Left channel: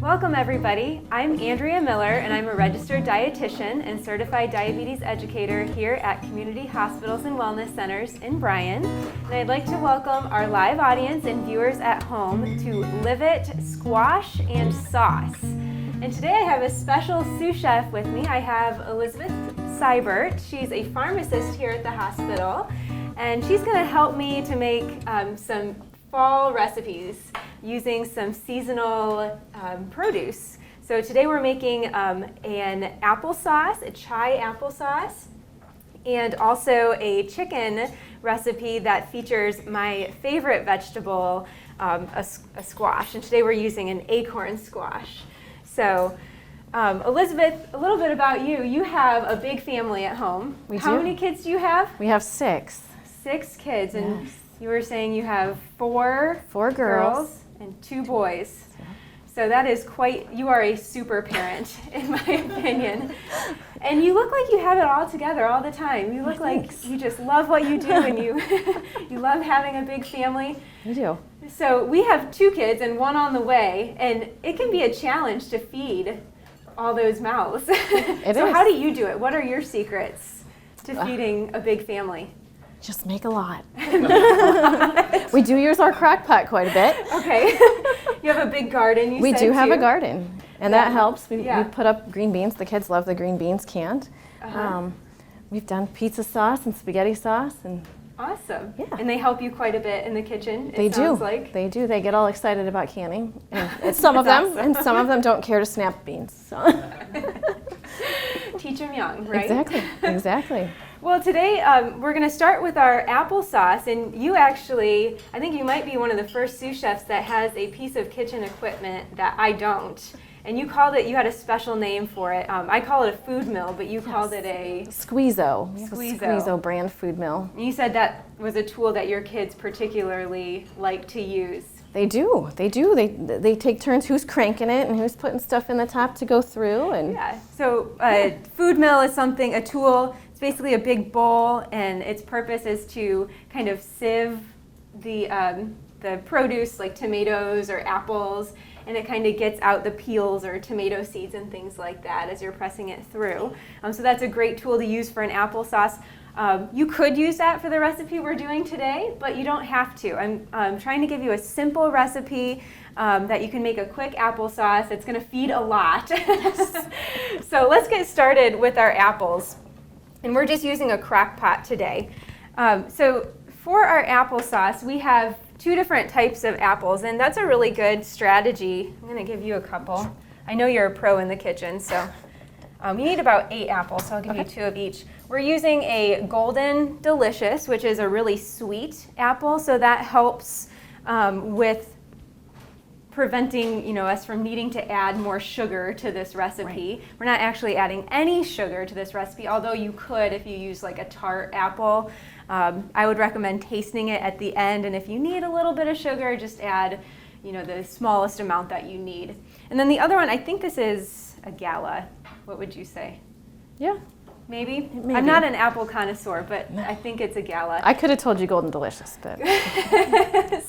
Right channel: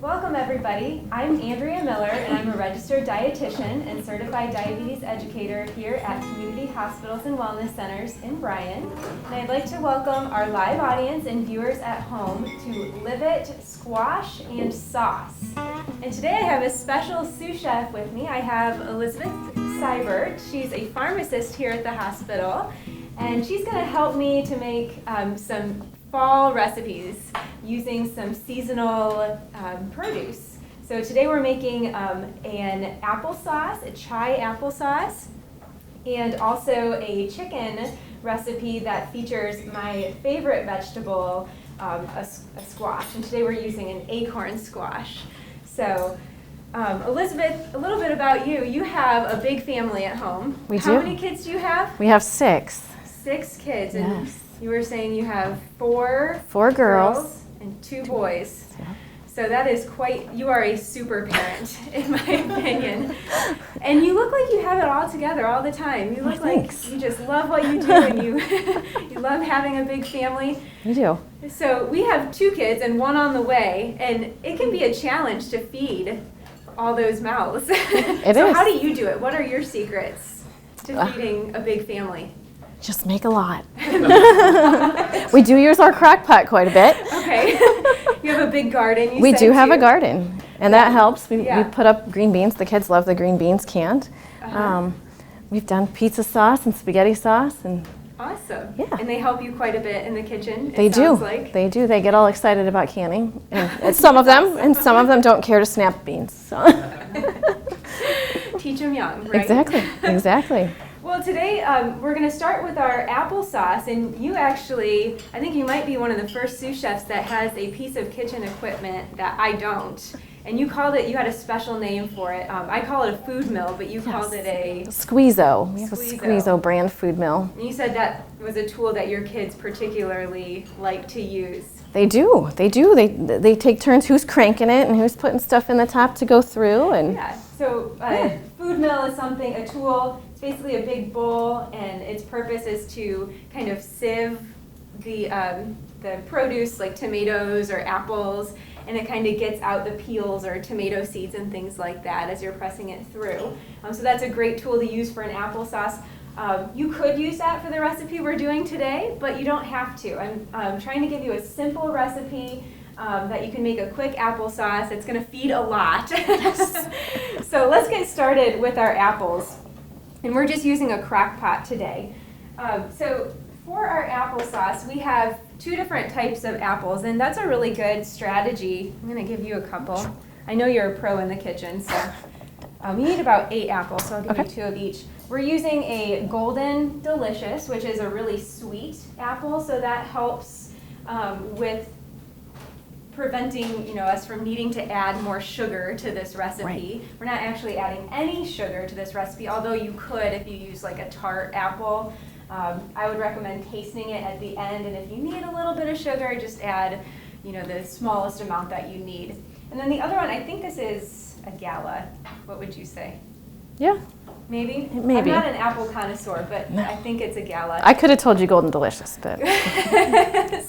Welcome everybody. I'm Andrea Miller and I'm a registered dietitian and certified diabetes educator here at Community Hospitals and Wellness Centers in Bryan. And I'd like to welcome our live audience and viewers at home to Live It Squash and Sauce. And today I have a special sous chef with me. I have Elizabeth Seibert. She's a pharmacist here at the hospital and she's going to help me to make some fall recipes using some seasonal produce. So today we're making an applesauce, a chai applesauce, and also a chicken recipe that features my favorite vegetable, a squash. And today we're using an acorn squash. So Elizabeth, a little bit about you. You have a big family at home. We do. How many kids do you have? We have 6. 6 kids. Yes. And you were saying you have 4 girls and 2 boys. Yeah. So that is you are a super parent, in my opinion. And you look like you have it all together all the time. You look like you just love what you do and you love having a big family. We do. So we have 2 kids and 1 on the way, and it can be a challenge to feed all those mouths. It so is. how do you do it? What are your secrets to feeding a big family? Just make a lot. We do use our crock pot quite a bit. Okay. You have a big garden. We do have a garden, and that helps. We Yeah. put up green beans. The kids love the green beans canned. We've done pizza sauce and spaghetti sauce. And awesome. Yeah. And they help you quite a bit in the kitchen, They do. Like. They do. They get all excited about canning. And some of them, and some of them don't care to snap beans. So. Teach them young, right? Exactly. Well, today we're going to start with our applesauce, and you actually, I think you might be one of the first sous chefs that has a piece of kitchen equipment that I don't. And you called it, you had a special name for it. I call it a food mill, but you called it a Squeezo. We have a Squeezo brand food mill. And you said that was a tool that your kids particularly like to use. They do. They take turns who's cranking it and who's putting stuff in the top to go through. And yeah. So food mill is a tool. It's basically a big bowl, and its purpose is to kind of sieve the produce like tomatoes or apples, and it kind of gets out the peels or tomato seeds and things like that as you're pressing it through. So that's a great tool to use for an applesauce. You could use that for the recipe we're doing today, but you don't have to. I'm trying to give you a simple recipe that you can make a quick applesauce. It's going to feed a lot. So let's get started with our apples. And we're just using a crock pot today. So for our applesauce, we have 2 different types of apples, and that's a really good strategy. I'm going to give you a couple. I know you're a pro in the kitchen, so you need about 8 apples, so I'll give you 2 of each. We're using a Golden Delicious, which is a really sweet apple, so that helps with preventing us from needing to add more sugar to this recipe. Right. We're not actually adding any sugar to this recipe, although you could if you use like a tart apple. I would recommend tasting it at the end, and if you need a little bit of sugar, just add the smallest amount that you need. And then the other one, I think this is a Gala. What would you say? Yeah. Maybe? I'm not an apple connoisseur, but I think it's a Gala. I could have told you Golden Delicious, but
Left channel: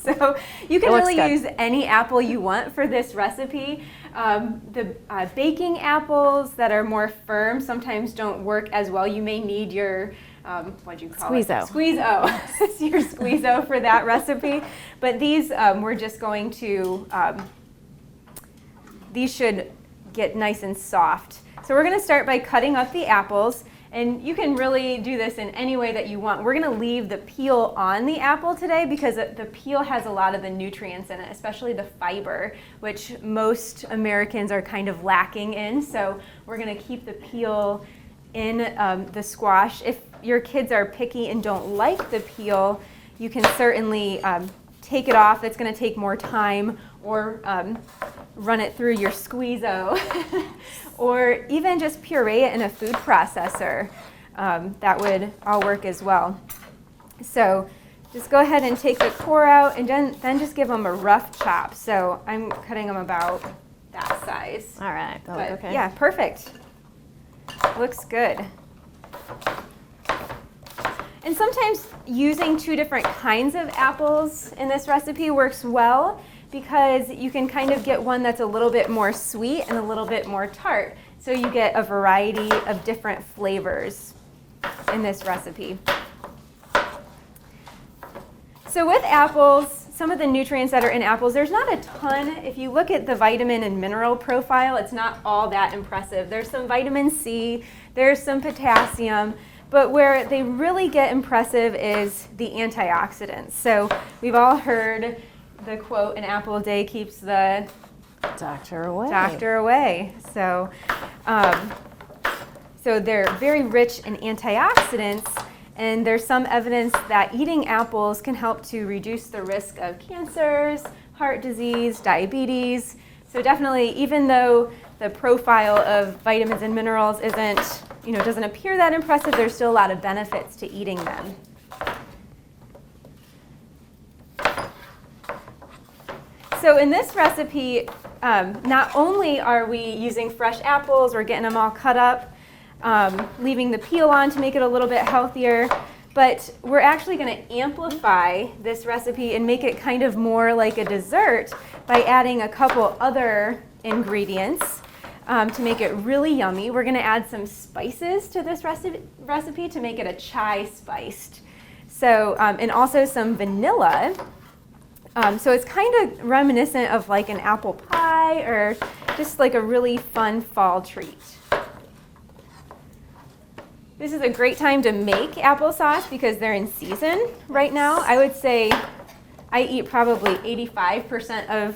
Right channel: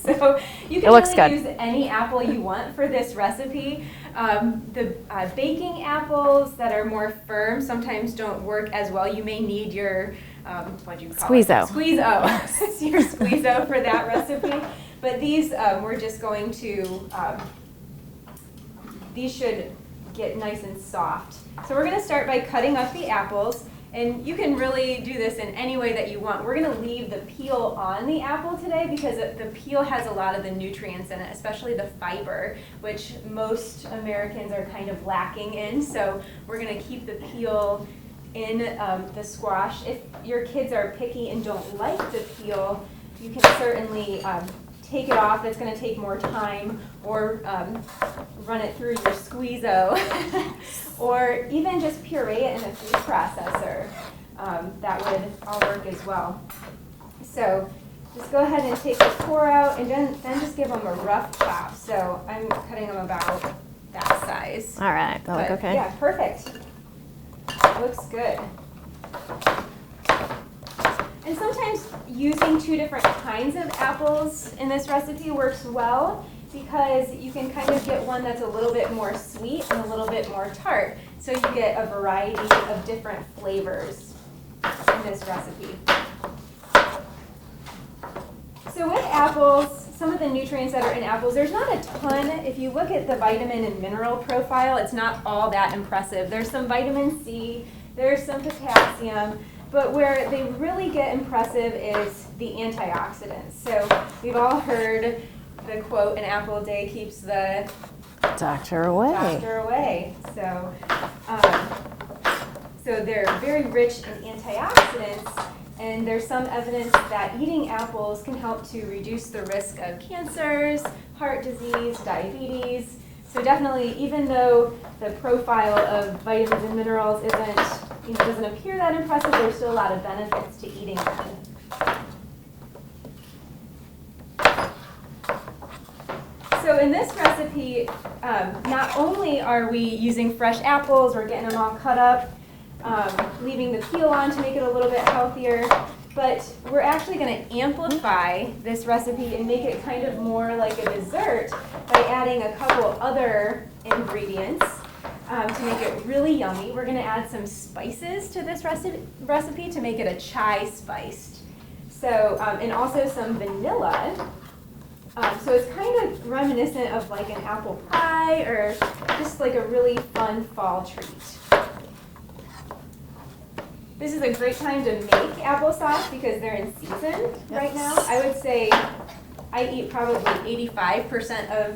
so you can really use any apple you want for this recipe. The baking apples that are more firm sometimes don't work as well. You may need your what'd you call Squeezo. it? Squeezo. Your Squeezo for that recipe. But these we're just going to these should get nice and soft. So we're going to start by cutting up the apples, and you can really do this in any way that you want. We're going to leave the peel on the apple today because the peel has a lot of the nutrients in it, especially the fiber, which most Americans are kind of lacking in. So we're going to keep the peel in the squash. If your kids are picky and don't like the peel, you can certainly take it off. That's going to take more time, or run it through your Squeezo, or even just puree it in a food processor. That would all work as well. So just go ahead and take the core out, and then just give them a rough chop. So I'm cutting them about that size. All right, that'll look okay. Yeah, perfect. Looks good. And sometimes using 2 different kinds of apples in this recipe works well. because you can kind of get one that's a little bit more sweet and a little bit more tart. So you get a variety of different flavors in this recipe. So with apples, some of the nutrients that are in apples, there's not a ton. If you look at the vitamin and mineral profile, it's not all that impressive. There's some vitamin C, there's some potassium, but where they really get impressive is the antioxidants. So we've all heard the quote, an apple a day keeps the doctor away. So, so they're very rich in antioxidants, and there's some evidence that eating apples can help to reduce the risk of cancers, heart disease, diabetes. So definitely, even though the profile of vitamins and minerals doesn't appear that impressive, there's still a lot of benefits to eating them. So in this recipe, not only are we using fresh apples, we're getting them all cut up, leaving the peel on to make it a little bit healthier, but we're actually going to amplify this recipe and make it kind of more like a dessert by adding a couple other ingredients to make it really yummy. We're going to add some spices to this recipe to make it a chai spiced. So, and also some vanilla. So it's kind of reminiscent of like an apple pie or just like a really fun fall treat. This is a great time to make applesauce because they're in season right now. I would say I eat probably 85% of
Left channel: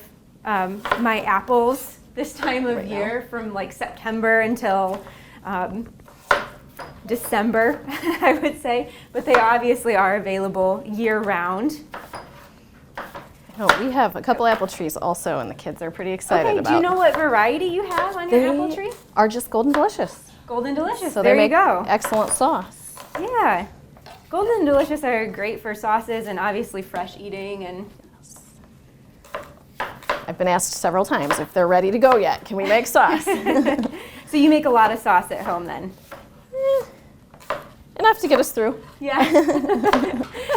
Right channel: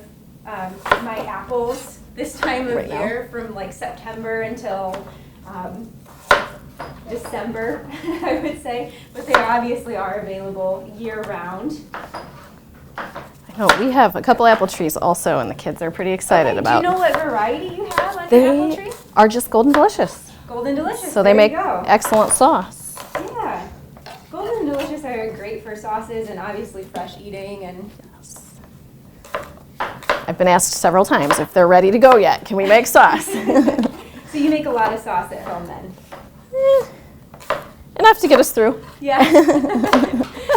my apples this time of year, from like September until December, I would say. But they obviously are available year-round. No, we have a couple apple trees also, and the kids are pretty excited about. Do you know what variety you have on your apple tree? Are just Golden Delicious. Golden Delicious. So they make excellent sauce. Yeah. Golden Delicious are great for sauces and obviously fresh eating. And yes. I've been asked several times if they're ready to go yet. Can we make sauce? So you make a lot of sauce at home then? Enough to get us through. Yeah.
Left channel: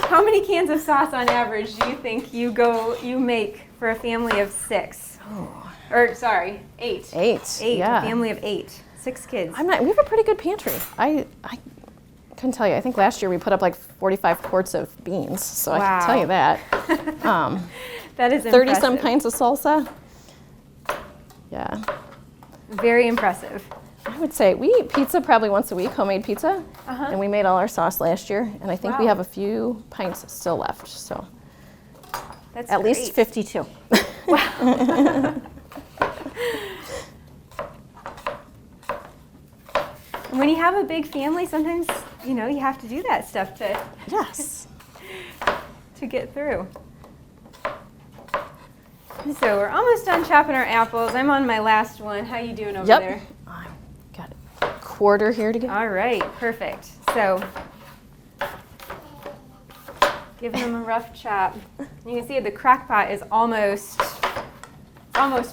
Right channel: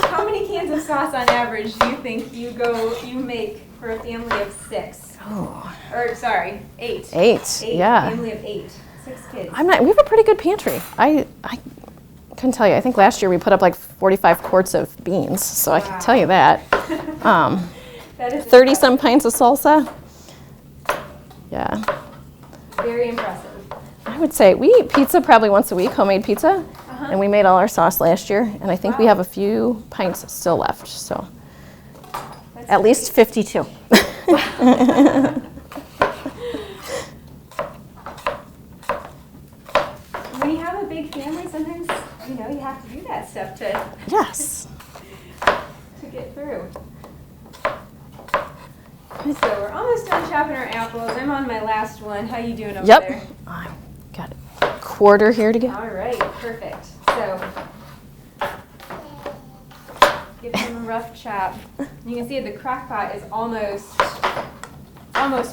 How many cans of sauce on average do you think you make for a family of 6? Oh. Or sorry, 8. 8. Yeah. A family of 8. 6 kids. We have a pretty good pantry. I couldn't tell you. I think last year we put up like 45 quarts of beans, so wow. I can tell you that. That is 30 some pints of salsa. Yeah. Very impressive. I would say we eat pizza probably once a week, homemade pizza, and we made all our sauce last year, and I think we have a few pints still left, so that's at least 52. When you have a big family, sometimes, you have to do that stuff to yes. to get through. So we're almost done chopping our apples. I'm on my last one. How you doing over there? I've got a quarter here to go. All right, perfect. So give them a rough chop. You can see the crock pot is almost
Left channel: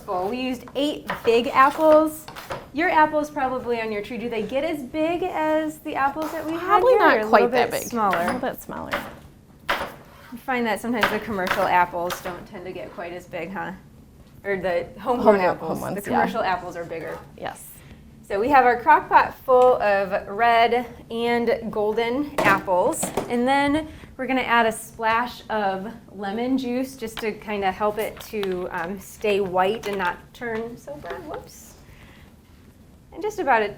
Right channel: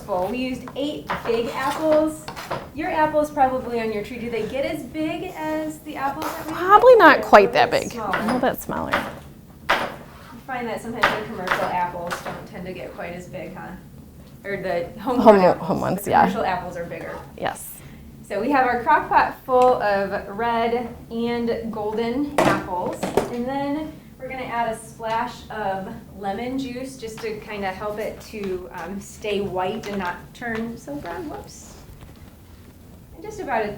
full. We used 8 big apples. Your apples probably on your tree, do they get as big as the apples that we have? Probably not quite that big. Smaller? A little bit smaller. I find that sometimes the commercial apples don't tend to get quite as big, huh? Or the home ones, the commercial apples are bigger. Yes. So we have our crock pot full of red and golden apples, and then we're going to add a splash of lemon juice just to kind of help it to stay white and not turn so brown. Whoops. And just about a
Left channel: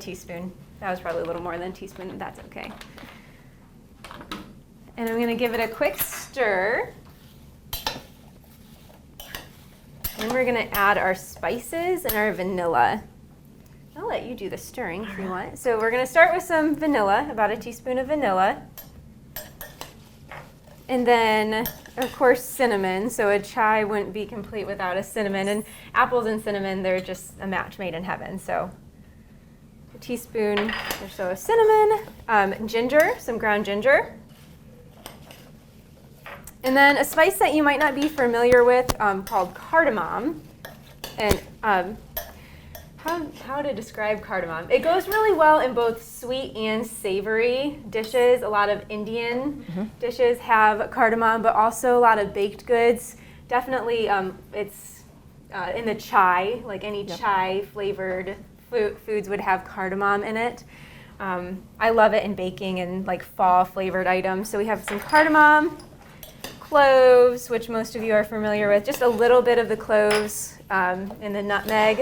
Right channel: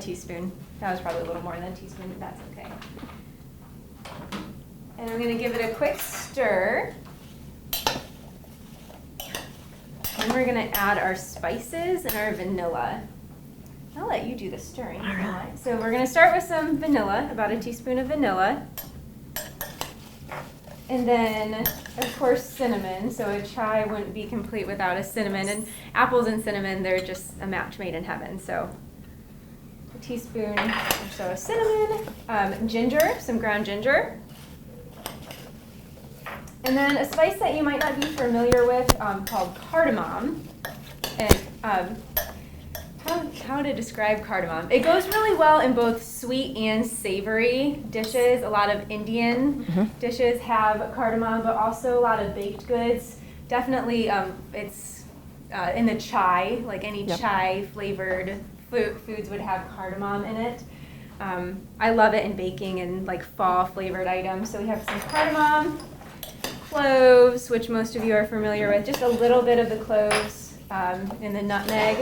teaspoon. That was probably a little more than a teaspoon, but that's okay. And I'm going to give it a quick stir. And we're going to add our spices and our vanilla. I'll let you do the stirring if you want. So we're going to start with some vanilla, about a teaspoon of vanilla. And then, of course, cinnamon. So a chai wouldn't be complete without a cinnamon. And apples and cinnamon, they're just a match made in heaven. So a teaspoon or so of cinnamon, ginger, some ground ginger. And then a spice that you might not be familiar with called cardamom. And how to describe cardamom? It goes really well in both sweet and savory dishes. A lot of Indian dishes have cardamom, but also a lot of baked goods definitely it's in the chai, like any chai flavored foods would have cardamom in it. I love it in baking and like fall flavored items. So we have some cardamom, cloves, which most of you are familiar with, just a little bit of the cloves, and the nutmeg,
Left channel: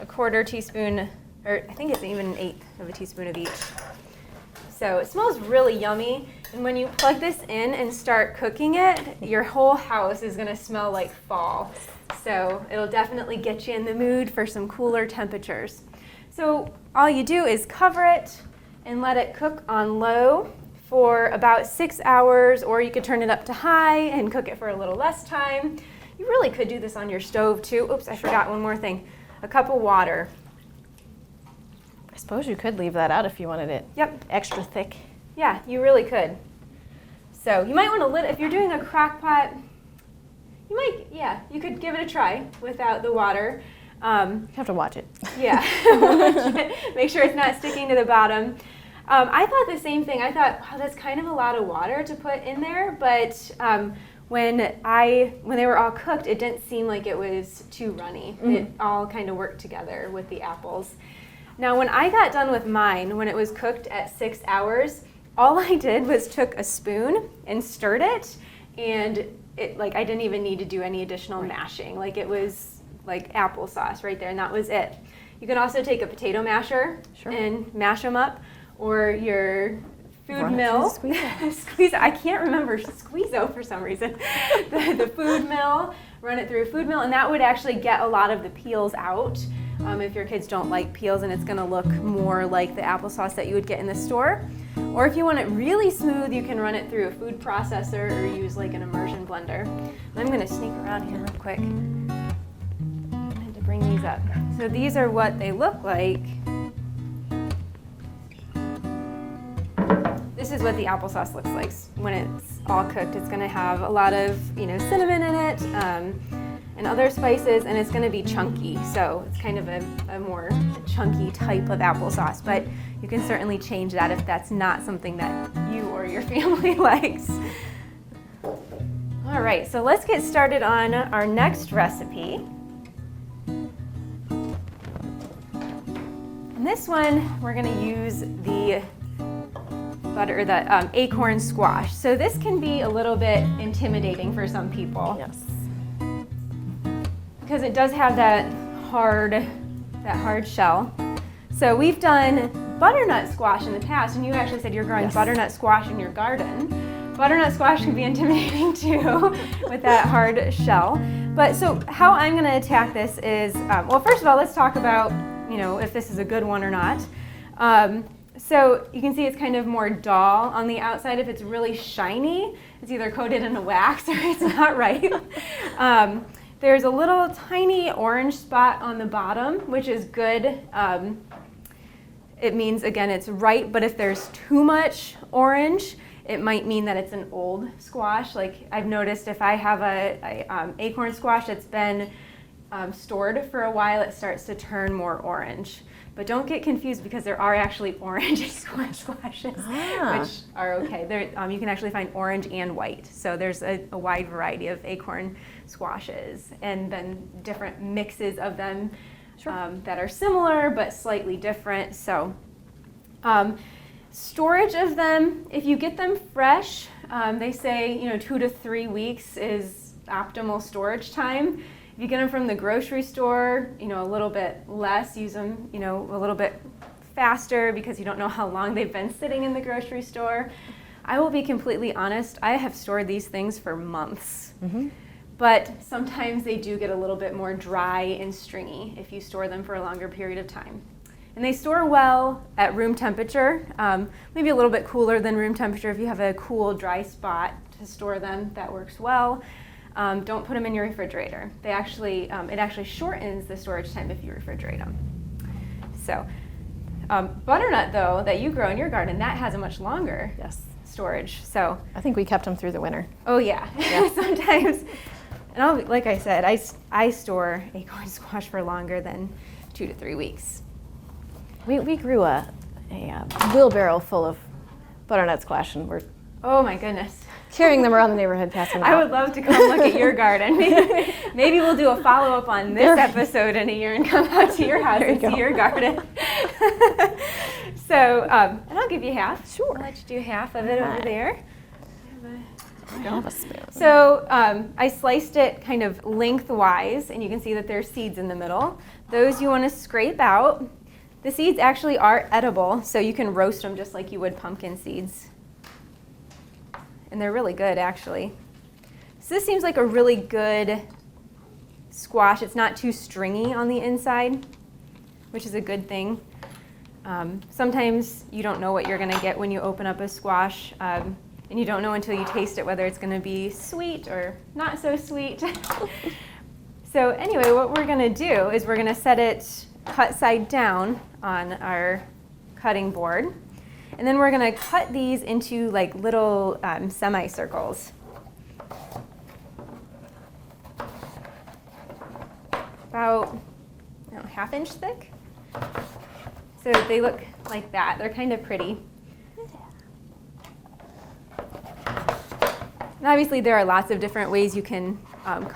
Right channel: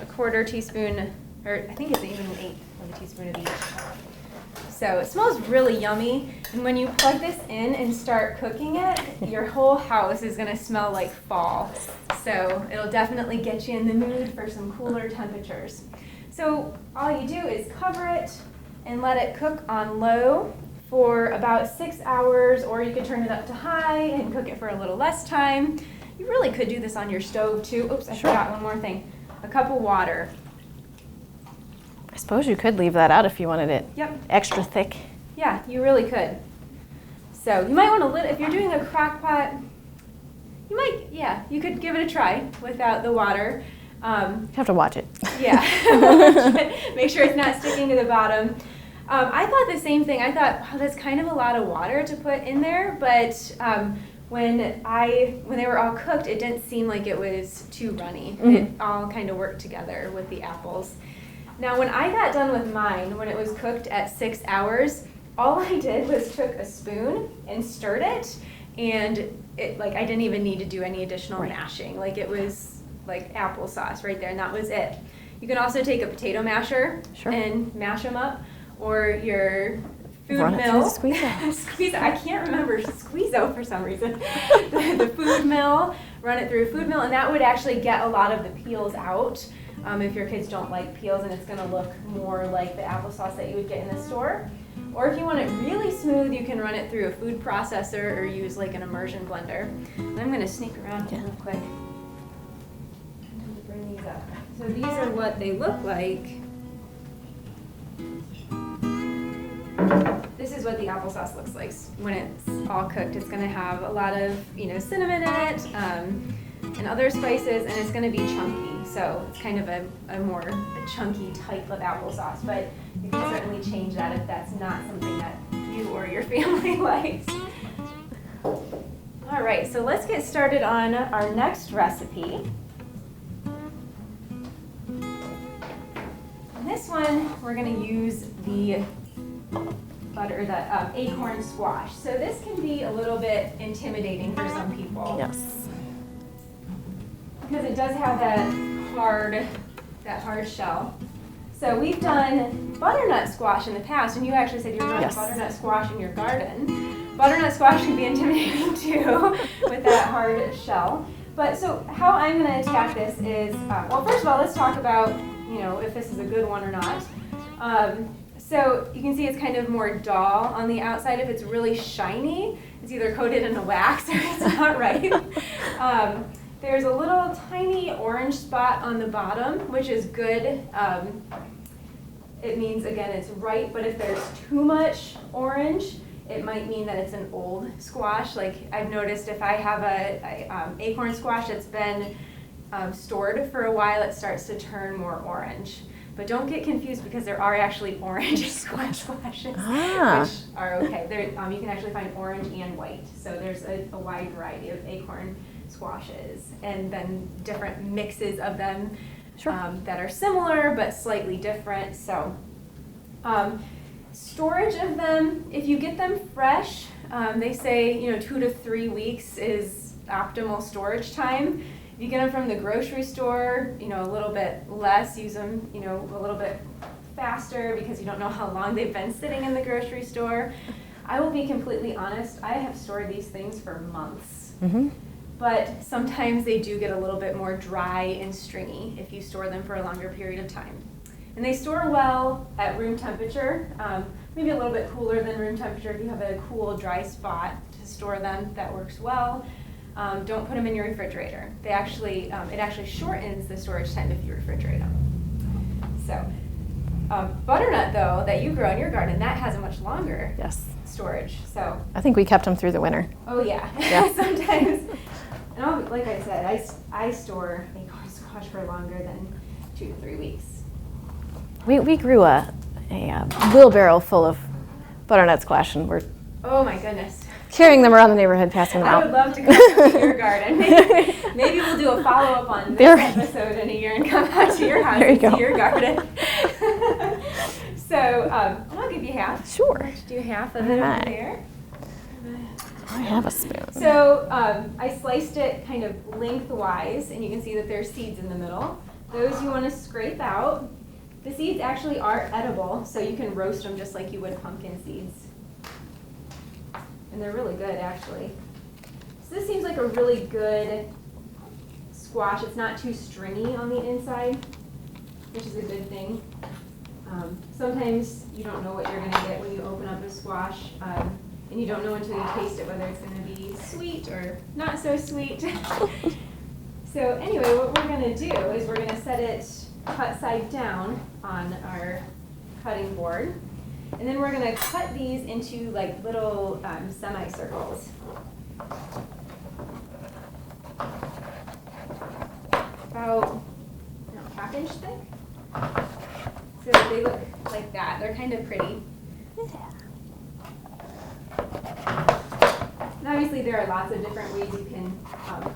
a 1/4 teaspoon, or I think it's even 1/8 of a teaspoon of each. So it smells really yummy, and when you plug this in and start cooking it, your whole house is gonna smell like fall. So it'll definitely get you in the mood for some cooler temperatures. So all you do is cover it and let it cook on low for about 6 hours, or you could turn it up to high and cook it for a little less time. You really could do this on your stove too. Oops, I forgot one more thing. A cup of water. I suppose you could leave that out if you wanted it extra thick. Yeah, you really could. So you might want to, if you're doing a crock pot, you could give it a try without the water. You have to watch it. Yeah, make sure it's not sticking to the bottom. I thought the same thing. I thought, wow, that's kind of a lot of water to put in there, but when they were all cooked, it didn't seem like it was too runny. It all kind of worked together with the apples. Now, when I got done with mine, when it was cooked at 6 hours, all I did was took a spoon and stirred it, and it, like, I didn't even need to do any additional mashing. Like, it was like applesauce right there, and that was it. You can also take a potato masher and mash them up, or your food mill. Squeeze. I can't remember squeeze-o for some reason. the food mill, run it through a food mill, and that would actually get a lot of the peels out. If your kids don't like peels, and it's going to look more like the applesauce that you would get in the store. Or if you want it really smooth, you can run it through a food processor or use like an immersion blender. And I'm going to sneak around here real quick to bring these up. So these are what they look like. This is what the applesauce looks like when it's all cooked. It's going to have a lot of cinnamon in it and other spices, and it's going to be chunky. So it's kind of a more chunky type of applesauce, but you can certainly change that if that's not something that you or your family likes. All right, so let's get started on our next recipe. In this one, we're going to use the acorn squash. So this can be a little bit intimidating for some people. Yes. Because it does have that hard shell. So we've done butternut squash in the past, and you actually said you're growing butternut squash in your garden. Butternut squash can be intimidating too with that hard shell. But so how I'm going to attack this is, well, first of all, let's talk about if this is a good one or not. So you can see it's kind of more dull on the outside. If it's really shiny, it's either coated in a wax or it's not right. There's a little tiny orange spot on the bottom, which is good. It means, again, it's ripe, but if there's too much orange, it might mean that it's an old squash. Like I've noticed if I have a acorn squash that's been stored for a while, it starts to turn more orange. But don't get confused because there are actually orange squashes, which are okay. You can actually find orange and white. So there's a wide variety of acorn squashes, and then different mixes of them that are similar but slightly different. So storage of them, if you get them fresh, they say 2 to 3 weeks is optimal storage time. If you get them from the grocery store, a little bit less, use them, a little bit faster because you don't know how long they've been sitting in the grocery store. I will be completely honest, I have stored these things for months. But sometimes they do get a little bit more dry and stringy if you store them for a longer period of time. And they store well at room temperature, maybe a little bit cooler than room temperature. If you have a cool, dry spot to store them, that works well. Don't put them in your refrigerator. It actually shortens the storage time if you refrigerate them. So butternut, though, that you grow in your garden, that has a much longer storage. So I think we kept them through the winter. Oh yeah. Sometimes, and like I said, I store acorn squash for longer than 2 to 3 weeks. We grew a wheelbarrow full of butternut squash, and we're oh my goodness, Carrying them around the neighborhood, passing them I out. would love to come look at your garden. Maybe we'll do a follow-up on this episode in a year and come out to your house and see your garden. So, and I'll give you half. Sure. I'll let you do half of it over there. I have a spoon. So I sliced it kind of lengthwise, and you can see that there's seeds in the middle. Those you want to scrape out. The seeds actually are edible, so you can roast them just like you would pumpkin seeds. And they're really good, actually. So this seems like a really good squash. It's not too stringy on the inside, which is a good thing. Sometimes you don't know what you're going to get when you open up a squash, and you don't know until you taste it whether it's going to be sweet or not so sweet. So anyway, what we're going to do is we're going to set it cut side down on our cutting board. And then we're going to cut these into like little semicircles. About half-inch thick. So they look like that. They're kind of pretty. And obviously there are lots of different ways you can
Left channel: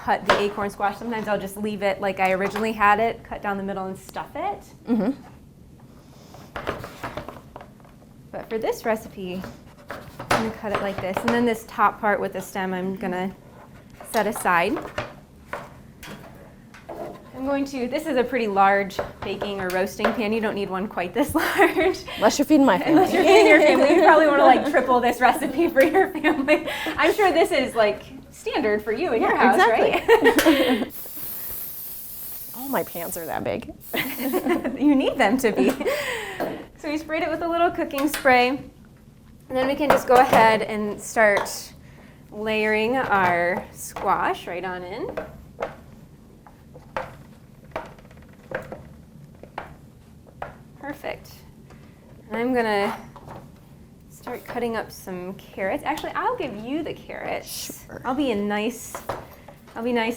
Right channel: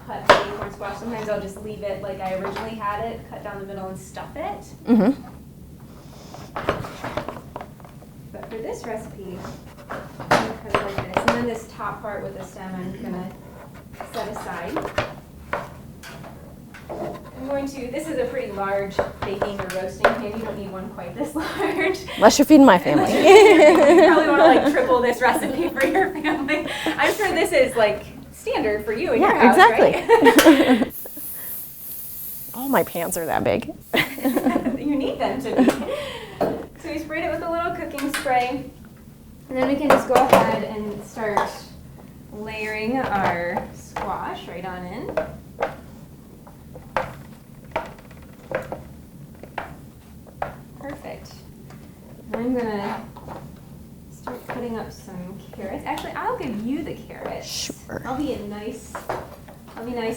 cut the acorn squash. Sometimes I'll just leave it like I originally had it, cut down the middle and stuff it. Mm-hmm. But for this recipe, I'm going to cut it like this. And then this top part with the stem I'm going to set aside. This is a pretty large baking or roasting pan. You don't need one quite this large. Unless you're feeding my family. You probably want to like triple this recipe for your family. I'm sure this is like standard for you in your house, exactly. Right? All my pans are that big. You need them to be. So we sprayed it with a little cooking spray. And then we can just go ahead and start layering our squash right on in. Perfect. I'm gonna start cutting up some carrots. Actually, I'll give you the carrots. Sure. I'll be nice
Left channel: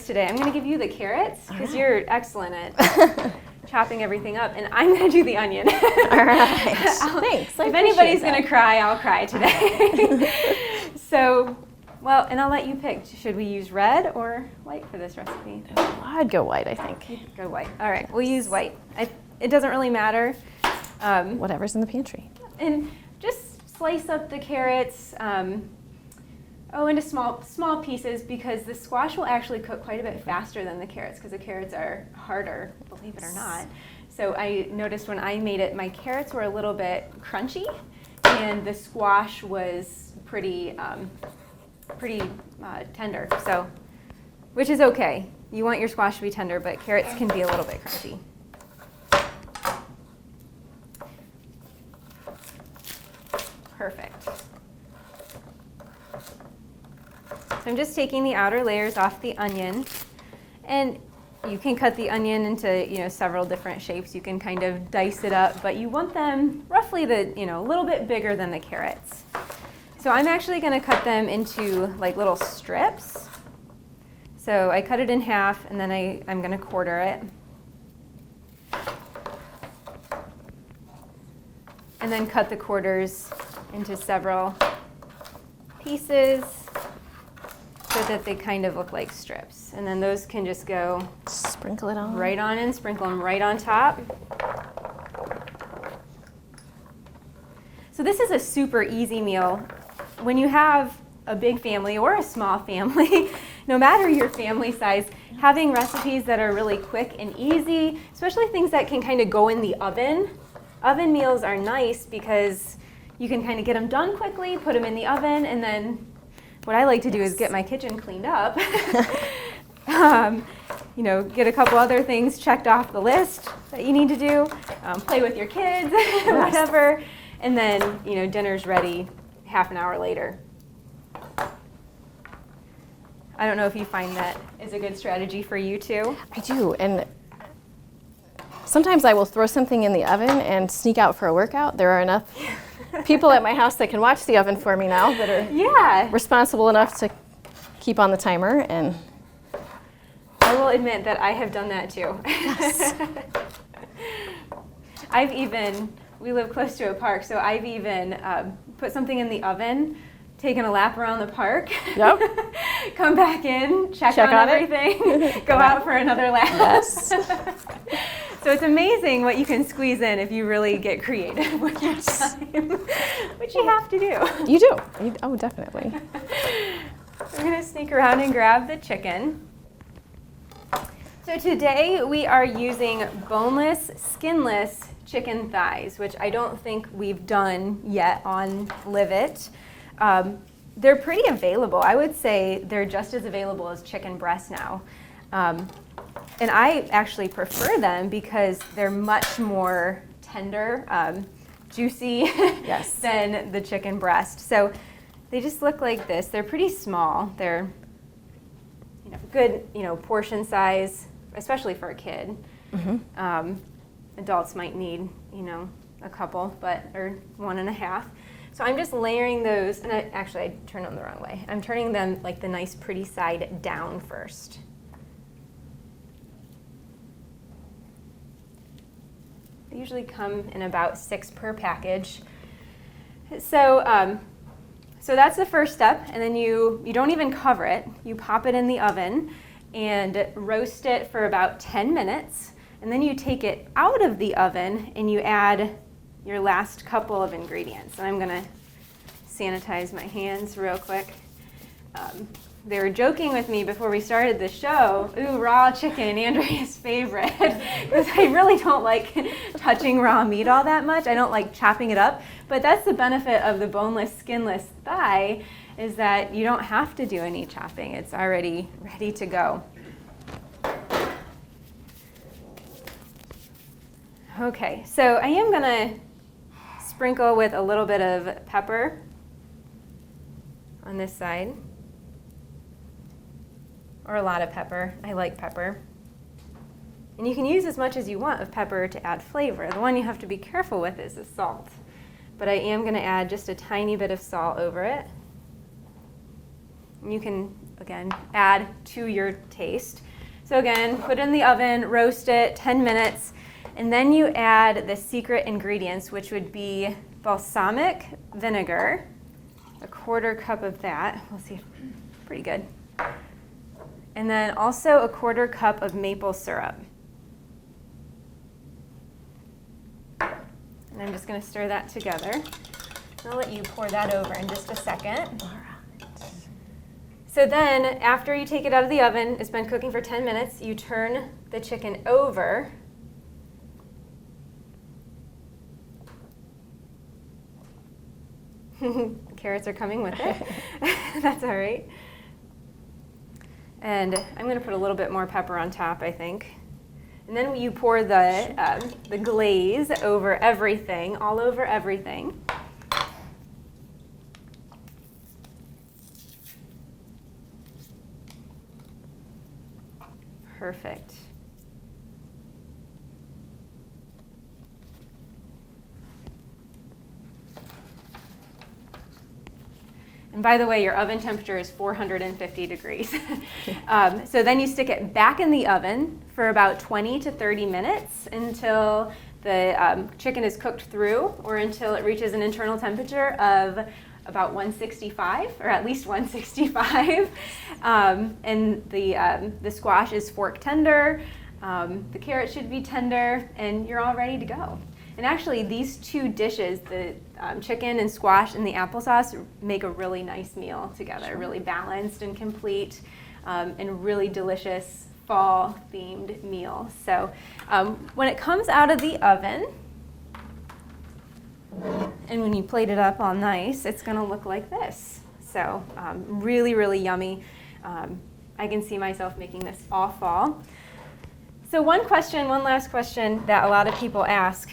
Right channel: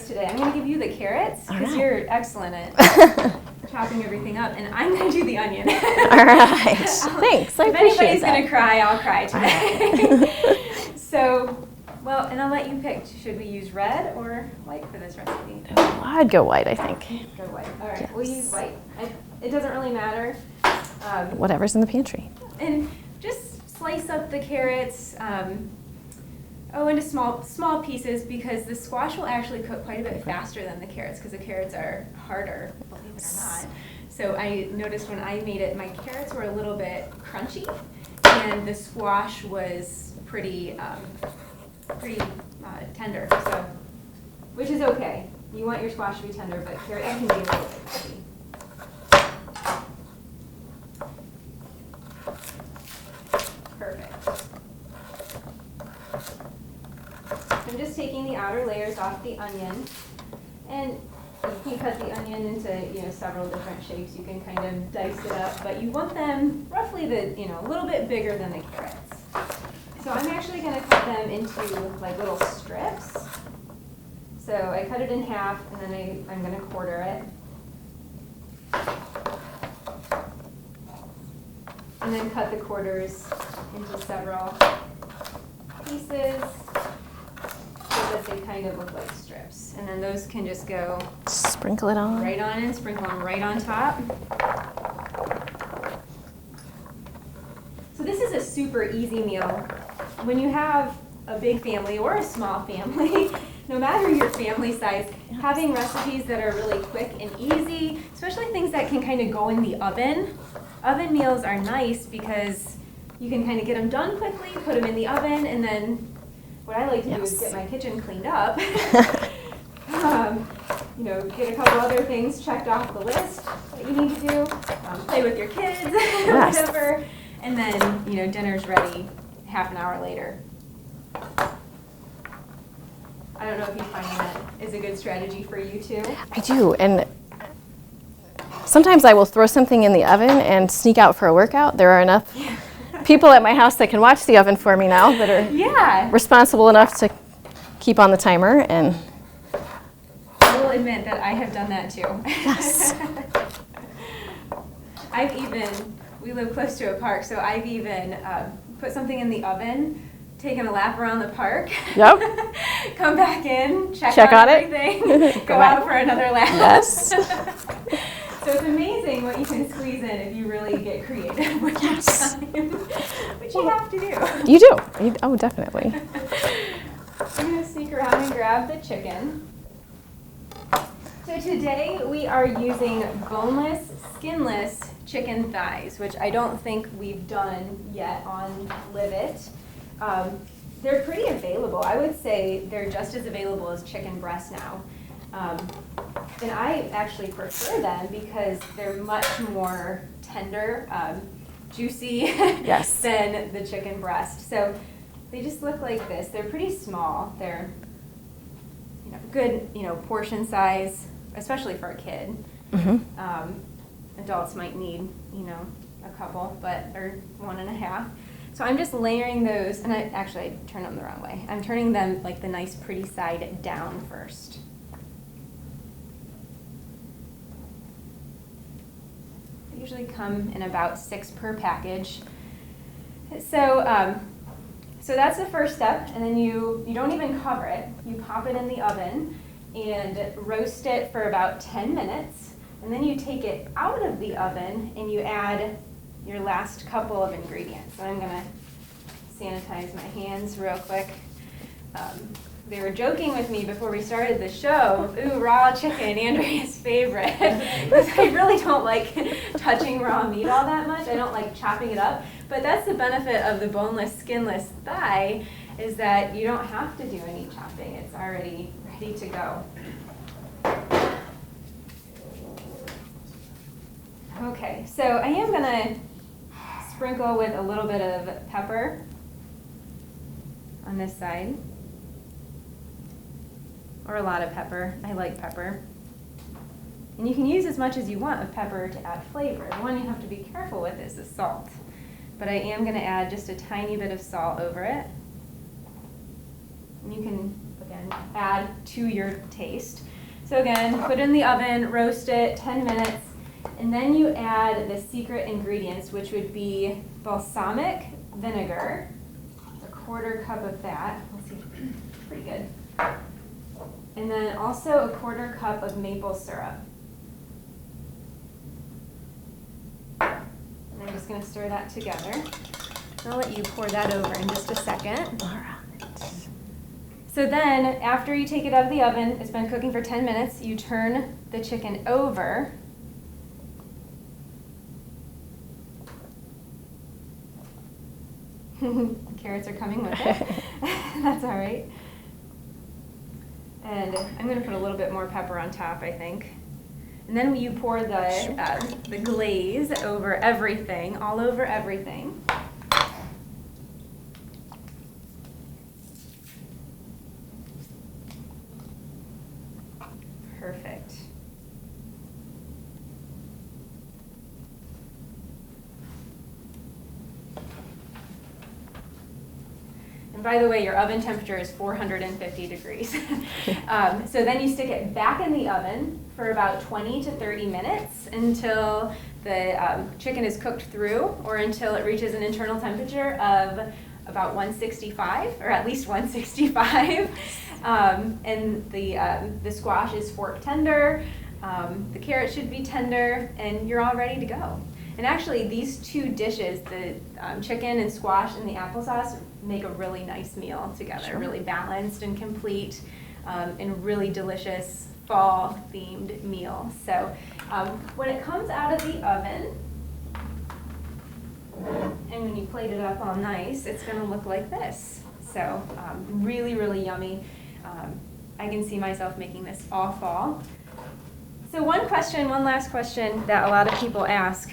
today. I'm gonna give you the carrots because you're excellent at chopping everything up, and I'm gonna do the onion. All right. Thanks. I If anybody's gonna cry, I'll cry today. So, well, and I'll let you pick. Should we use red or white for this recipe? I'd go white, I think. Go white. All right, we'll use white. It doesn't really matter. Whatever's in the pantry. And just slice up the carrots into small pieces because the squash will actually cook quite a bit faster than the carrots because the carrots are harder, believe it or not. So I noticed when I made it, my carrots were a little bit crunchy and the squash was pretty tender. So, which is okay. You want your squash to be tender, but carrots can be a little bit crunchy. Perfect. I'm just taking the outer layers off the onion, and you can cut the onion into several different shapes. You can kind of dice it up, but you want them roughly a little bit bigger than the carrots. So I'm actually going to cut them into like little strips. So I cut it in half, and then I'm going to quarter it. And then cut the quarters into several pieces so that they kind of look like strips. And then those can just go Sprinkle it on. right on in, sprinkle them right on top. So this is a super easy meal. When you have a big family or a small family, no matter your family size, having recipes that are really quick and easy, especially things that can kind of go in the oven. Oven meals are nice because you can kind of get them done quickly, put them in the oven, and then what I like to do is get my kitchen cleaned up. Get a couple other things checked off the list that you need to do, play with your kids, whatever, and then dinner's ready half an hour later. I don't know if you find that is a good strategy for you too. I do, and sometimes I will throw something in the oven and sneak out for a workout. There are enough people at my house that can watch the oven for me now that are responsible enough to keep on the timer. And I will admit that I have done that too. Yes. We live close to a park, so I've even put something in the oven taken a lap around the park. Yep. Come back in, check on everything, it. go out for another lap. Yes. So it's amazing what you can squeeze in if you really get creative with your time, which you have to do. You do. Oh, definitely. We're going to sneak around and grab the chicken. So today we are using boneless, skinless chicken thighs, which I don't think we've done yet on Live It. They're pretty available. I would say they're just as available as chicken breast now. And I actually prefer them because they're much more tender, juicy Yes. than the chicken breast. So they just look like this. They're pretty small. They're good, portion size, especially for a kid. Mm-hmm. Adults might need, a couple, or 1.5. So I'm just layering those, and I turned them the wrong way. I'm turning them like the nice pretty side down first. They usually come in about 6 per package. So that's the first step, and then you don't even cover it. You pop it in the oven and roast it for about 10 minutes, and then you take it out of the oven and you add your last couple of ingredients. And I'm gonna sanitize my hands real quick. They were joking with me before we started the show, ooh, raw chicken, Andrea's favorite, because I really don't like touching raw meat all that much. I don't like chopping it up, but that's the benefit of the boneless, skinless thigh, is that you don't have to do any chopping. It's already ready to go. Okay, so I am gonna sprinkle with a little bit of pepper on this side, or a lot of pepper. I like pepper. And you can use as much as you want of pepper to add flavor. The one you have to be careful with is the salt. But I am gonna add just a tiny bit of salt over it. You can, again, add to your taste. So again, put it in the oven, roast it 10 minutes, and then you add the secret ingredients, which would be balsamic vinegar, a 1/4 cup of that. We'll see, pretty good. And then also a 1/4 cup of maple syrup. And I'm just gonna stir that together. I'll let you pour that over in just a second. All right. So then, after you take it out of the oven, it's been cooking for 10 minutes, you turn the chicken over. Carrots are coming with it. That's all right. And I'm going to put a little bit more pepper on top, I think. And then you pour the glaze over everything, all over everything. Perfect. And by the way, your oven temperature is 450 degrees. So then you stick it back in the oven for about 20 to 30 minutes until the chicken is cooked through, or until it reaches an internal temperature of about 165, or at least 165. And the squash is fork tender, the carrot should be tender, and you're all ready to go. And actually, these two dishes, the chicken and squash and the applesauce, make a really nice meal together. Sure. Really balanced and complete, and really delicious fall-themed meal. So when it comes out of the oven, and when you plate it up all nice, it's going to look like this. So really, really yummy. I can see myself making this all fall. So one last question that a lot of people ask.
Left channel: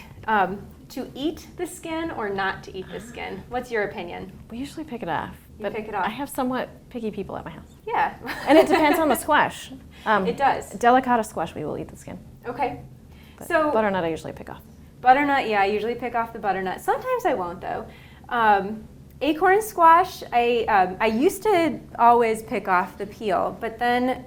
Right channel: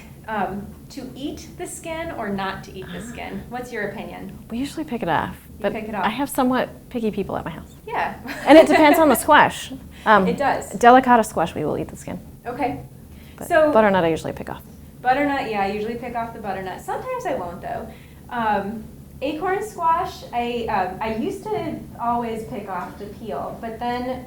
To eat the skin or not to eat the skin? What's your opinion? We usually pick it off. But pick it off. I have somewhat picky people at my house. Yeah. And it depends on the squash. It does. Delicata squash, we will eat the skin. Okay. But so butternut, I usually pick off. Butternut, yeah, I usually pick off the butternut. Sometimes I won't, though. Acorn squash, I used to always pick off the peel, but then,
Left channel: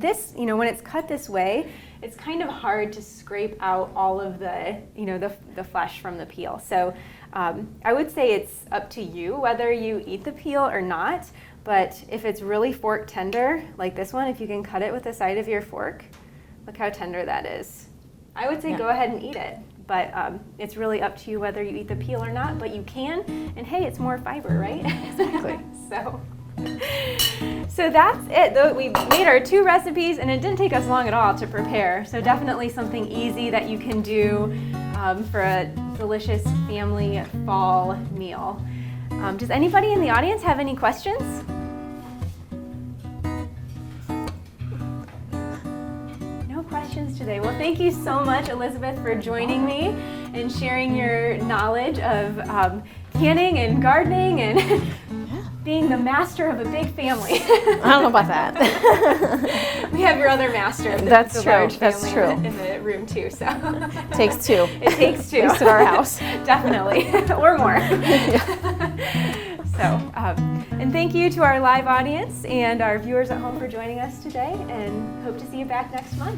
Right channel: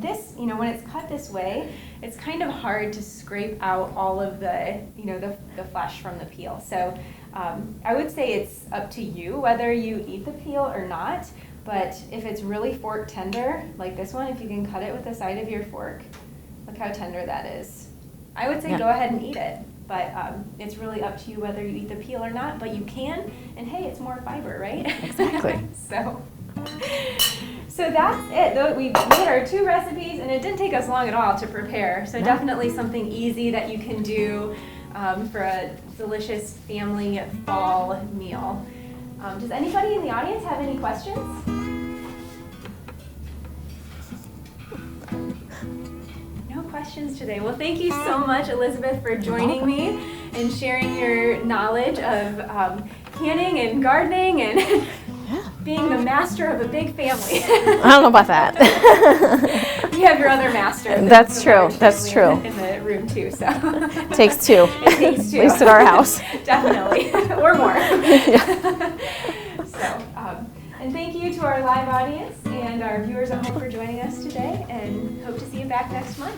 this, when it's cut this way, it's kind of hard to scrape out all of the, the flesh from the peel. So I would say it's up to you whether you eat the peel or not. But if it's really fork tender, like this one, if you can cut it with the side of your fork, look how tender that is. I would say go ahead and eat it. But it's really up to you whether you eat the peel or not, but you can, and hey, it's more fiber, right? Exactly. So that's it. We made our 2 recipes, and it didn't take us long at all to prepare. So definitely something easy that you can do for a delicious family fall meal. Does anybody in the audience have any questions? Questions today. Well, thank you so much, Elizabeth, for joining me and sharing your knowledge of canning and gardening and being the master of a big family. I don't know about that. We have your other master. That's true. That's true. In the room too. So takes 2. It takes 2. At least at our house. Definitely, or more. And thank you to our live audience and our viewers at home for joining us today, and hope to see you back next month.